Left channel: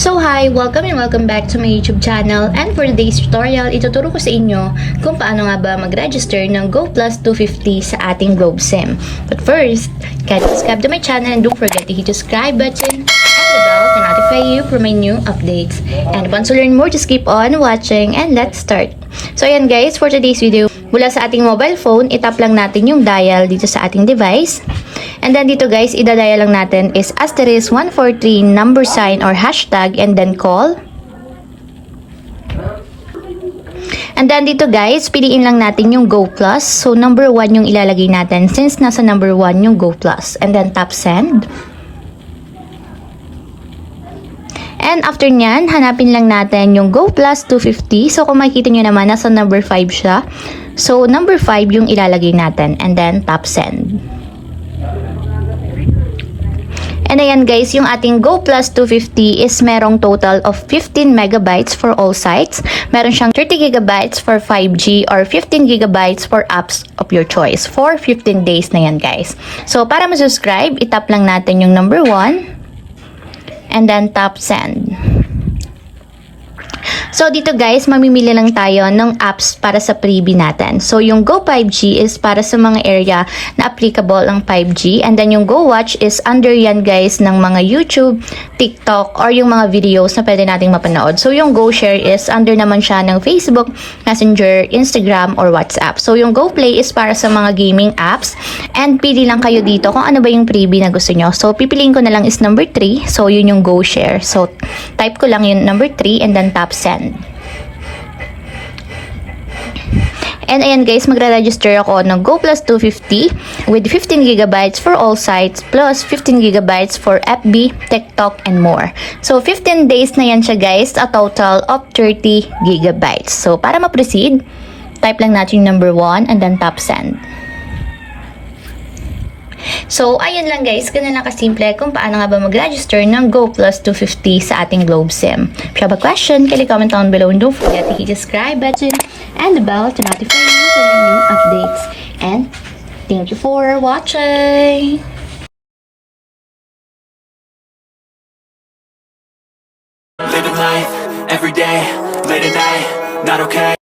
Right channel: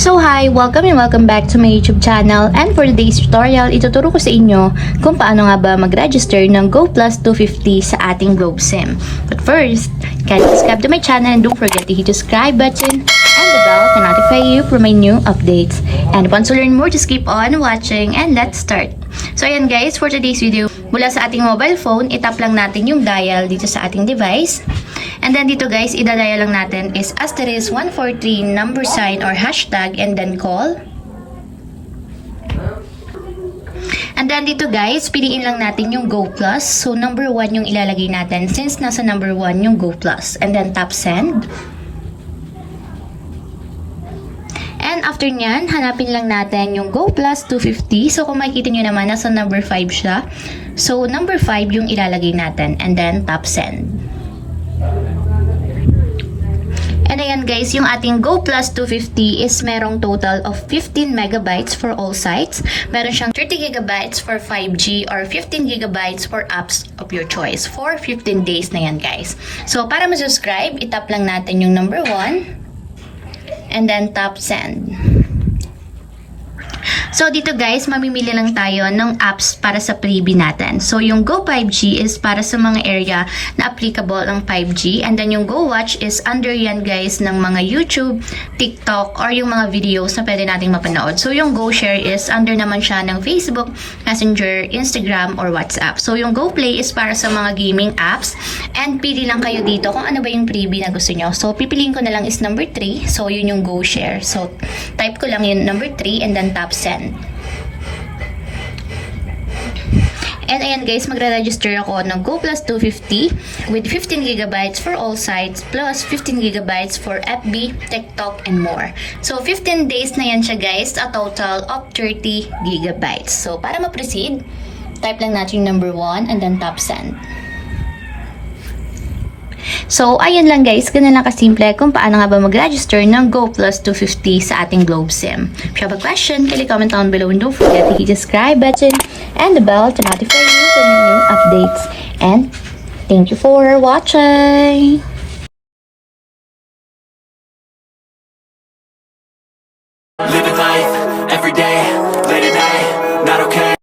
So hi, welcome and welcome back to my YouTube channel, and for today's tutorial, ituturo ko sa inyo kung paano nga ba mag-register ng Go Plus 250 sa ating Globe SIM. But first, kindly subscribe to my channel and don't forget to hit the subscribe button and the bell to notify you for my new updates. And once you learn more, just keep on watching and let's start. So ayan guys, for today's video, mula sa ating mobile phone, itap lang natin yung dial dito sa ating device. And then dito guys, idadial lang natin is asterisk 143 number sign or hashtag and then call. And then dito guys, piliin lang natin yung Go Plus. So number 1 yung ilalagay natin since nasa number 1 yung Go Plus. And then tap send. And after nyan, hanapin lang natin yung Go Plus 250. So kung makikita nyo naman, nasa number 5 siya. So number 5 yung ilalagay natin. And then tap send. And ayan guys, yung ating Go Plus 250 is merong total of 15 megabytes for all sites. Meron siyang 30 gigabytes for 5G or 15 gigabytes for apps of your choice for 15 days na yan guys. So para ma-subscribe, itap lang natin yung number 1 and then tap send. So dito guys, mamimili lang tayo ng apps para sa freebie natin. So yung Go 5G is para sa mga area na applicable ang 5G, and then yung Go Watch is under yan guys ng mga YouTube, TikTok or yung mga videos na pwede nating mapanood. So yung Go Share is under naman siya ng Facebook, Messenger, Instagram or WhatsApp. So yung Go Play is para sa mga gaming apps, and pili lang kayo dito kung ano ba yung freebie na gusto nyo. So pipiliin ko na lang is number 3. So yun yung Go Share. So type ko lang yung number 3 and then tap send. And ayan guys, magre-register ako ng Go Plus 250 with 15 gigabytes for all sites plus 15 gigabytes for FB, TikTok, and more. So 15 days na yan siya guys, a total of 30 gigabytes. So para ma-proceed, type lang natin yung number 1 and then tap send. So, ayun lang guys, ganun lang kasimple kung paano nga ba mag-register ng Go Plus 250 sa ating Globe SIM. If you have a question, kindly comment down below and don't forget to hit the subscribe button and the bell to notify you for new updates. And thank you for watching! Living life, every day, late at night, not okay.